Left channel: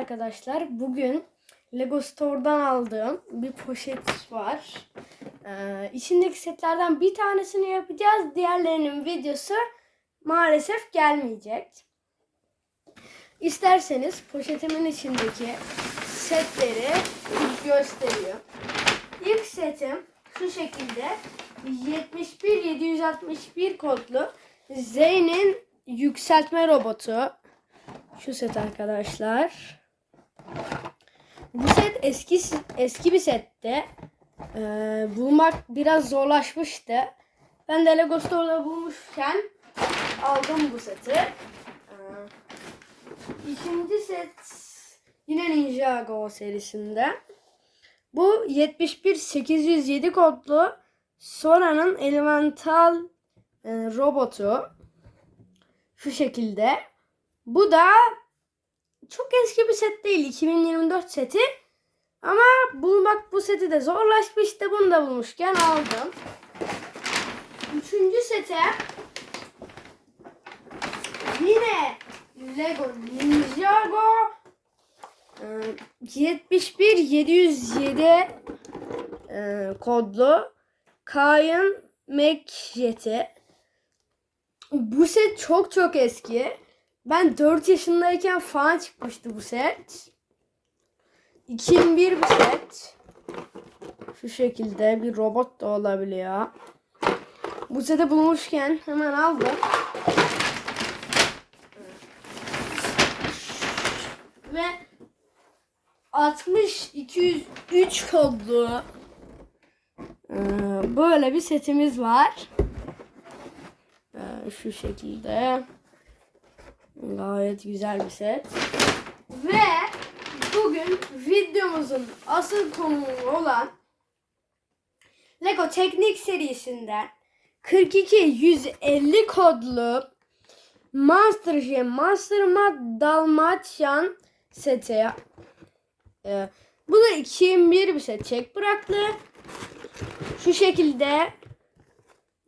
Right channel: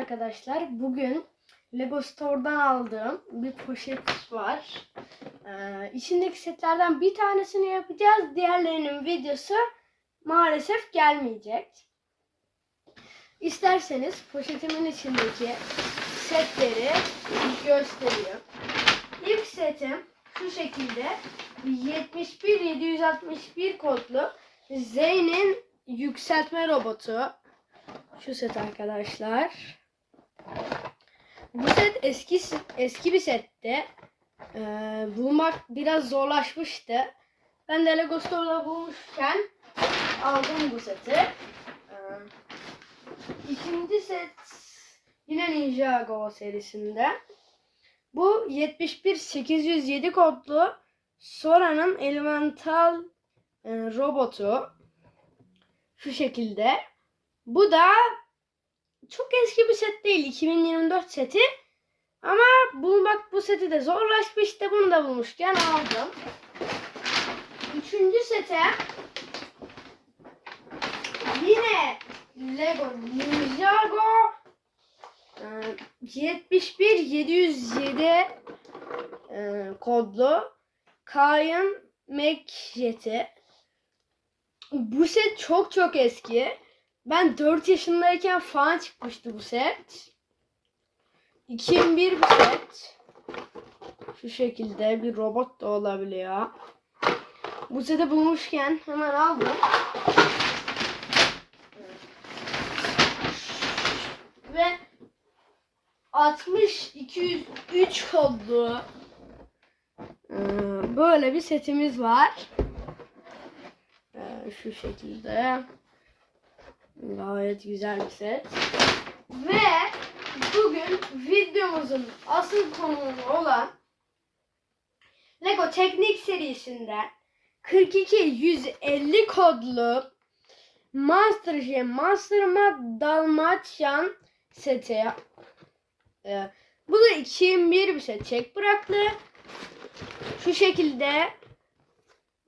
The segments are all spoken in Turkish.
arkadaşlar. Bugün Lego Store'dan aldığım bir poşet var. Ee, içindeki setlerden bir tanesini yapacağız. Diğerlerinin videosu maalesef gelmeyecek. İsterseniz poşetimin içindeki setleri göstereyim. İlk setim şu şekilde 71761 kodlu Zeyn'in yükseltme robotu. Şu set arkadaşlar. Bu set eski eski bir sette. Ee, bulmak biraz zorlaşmıştı. Ben de Lego Store'da bulmuşken aldım bu seti. Ee, ikinci set yine Ninjago serisinde. Bu 71807 kodlu Sora'nın Elemental e, robotu. Şu şekilde. Bu da çok eski bir set değil. 2024 seti. Ama bulmak bu seti de zorlaşmıştı. Bunu da bulmuşken aldım. Üçüncü sete yine Lego Ninjago e, 71 707 e, kodlu Kayan Mekjet'i. Bu set çok çok eski. Ben 4 yaşındayken falan çıkmıştı bu set. 2001 bir set. Şu şekilde bir robot da olabiliyor. Bu seti bulmuşken hemen aldım. Ve 60 203 kodlu ee, böyle bir setimiz var. Ee, şu şekilde. Gayet güzel bir set. Ve bugün videomuzun asıl konuğu olan Lego Teknik serisinden 42 150 kodlu Monster Jam Monster Mad Dalmatian seti. Ee, bu da 2001 bir set. Çek bıraktı. Şu şekilde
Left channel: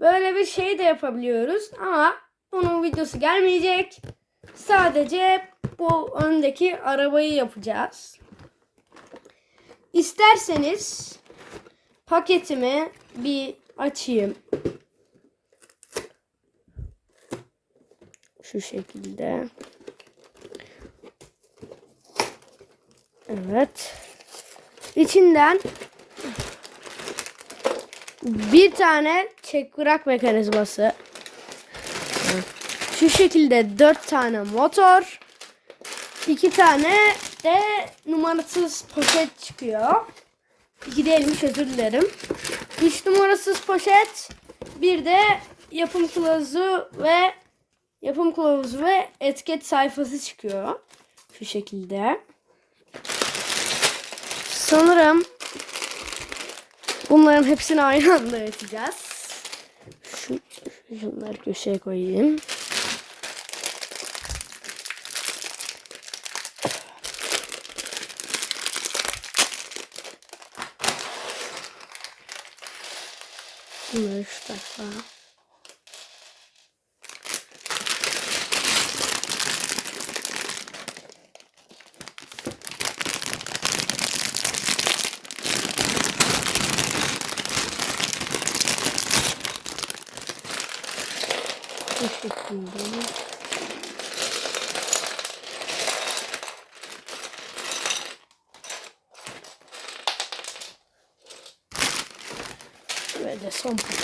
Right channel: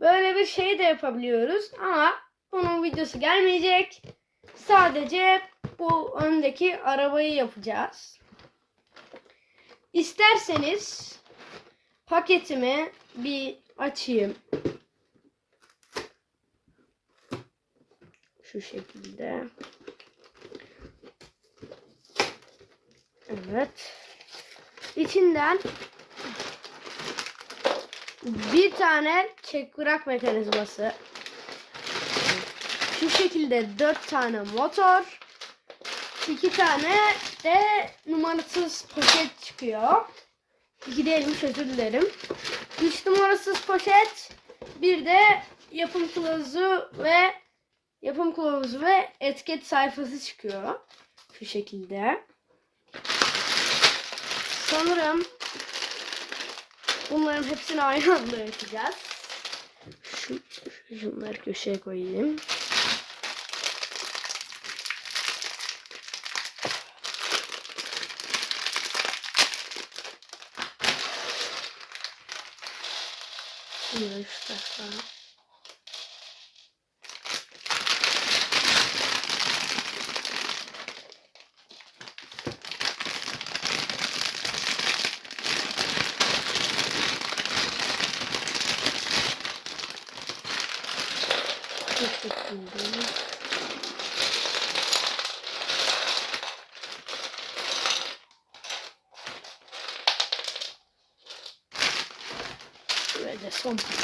böyle bir şey de yapabiliyoruz ama bunun videosu gelmeyecek. Sadece bu öndeki arabayı yapacağız. İsterseniz paketimi bir açayım. Şu şekilde. Evet. İçinden bir tane çek bırak mekanizması. Şu şekilde dört tane motor. iki tane de numarasız poşet çıkıyor. İki değilmiş özür dilerim. Üç numarasız poşet. Bir de yapım kılavuzu ve yapım kılavuzu ve etiket sayfası çıkıyor. Şu şekilde. Sanırım bunların hepsini aynı anda yapacağız. Şu, şunları köşeye koyayım. Bunları şu tarafa. Bu şekilde.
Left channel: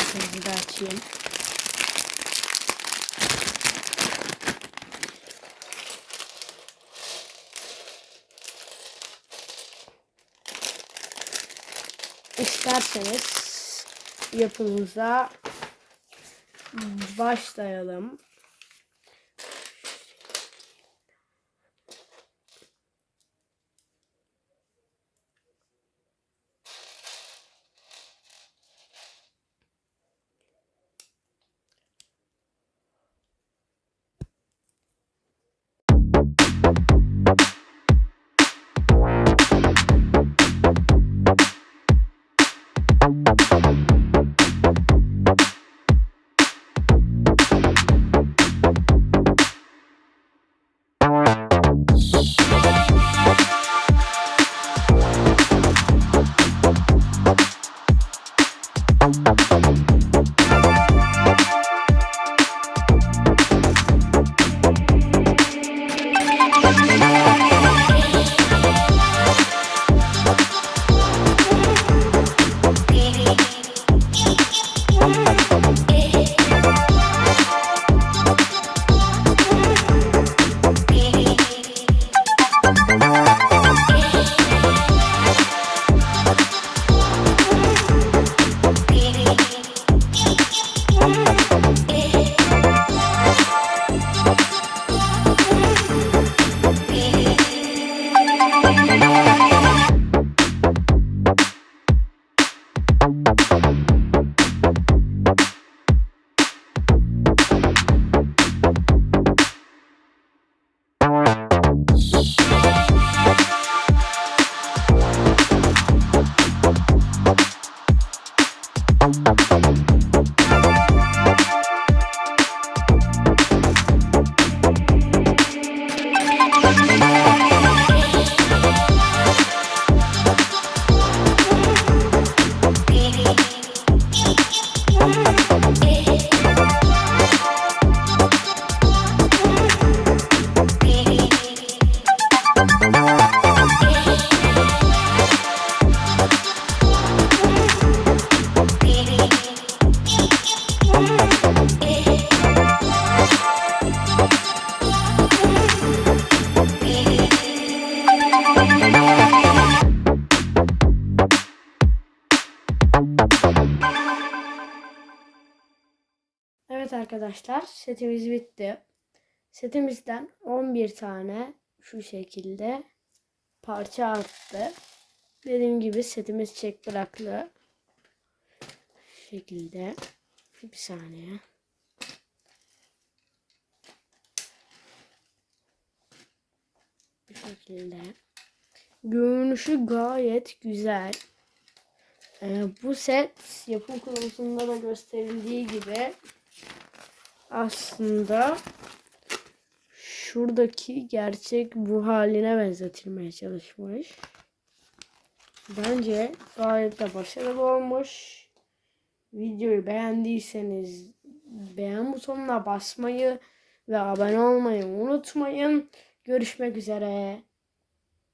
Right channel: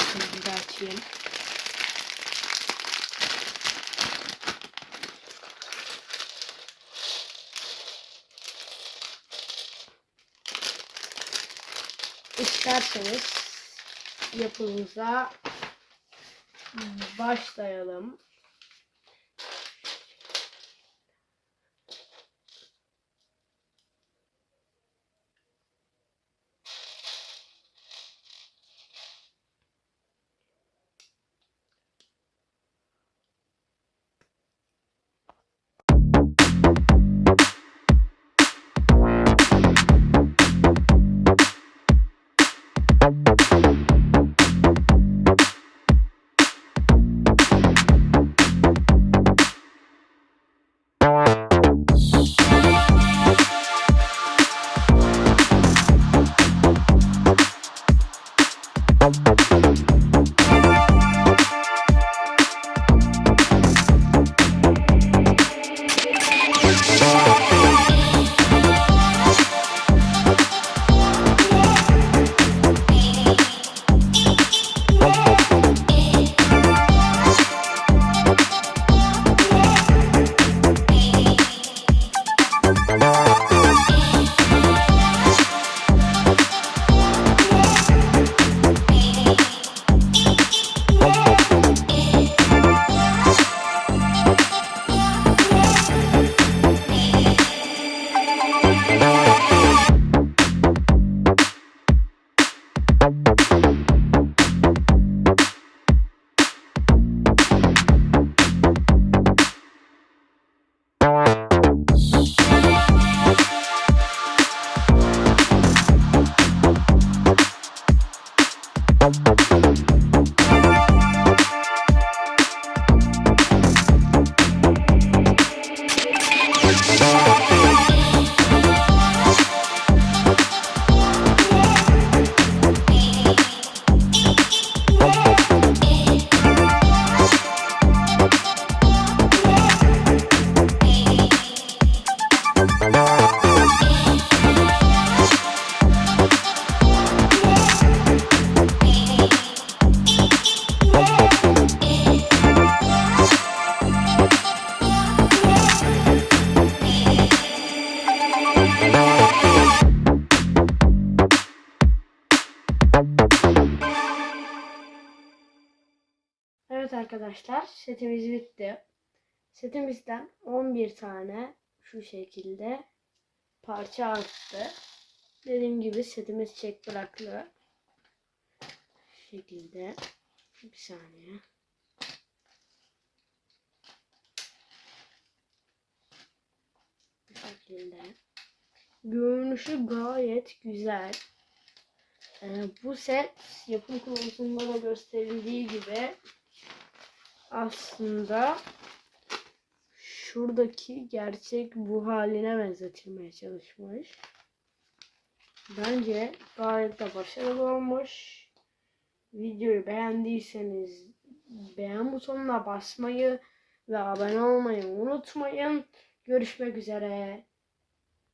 De açayım. İsterseniz yapımıza başlayalım. Bye. Arkadaşlar setimiz bitti. Setimizden 11 tane şu şekilde parça arttı. Dediğim gibi setimiz çek bıraklı. Şu şekilde. Bir saniye. Bu şekilde. Görünüşü gayet güzel. Ee, bu set yapım kılavuzunda da gösterildiği gibi aslında şuradaki gerçek bu haline benzetilmeye çalışmış. Bence gayet de başarılı olmuş. Videoyu beğendiyseniz beğen butonuna basmayı ve abone olmayı unutmayın. Görüşmek üzere.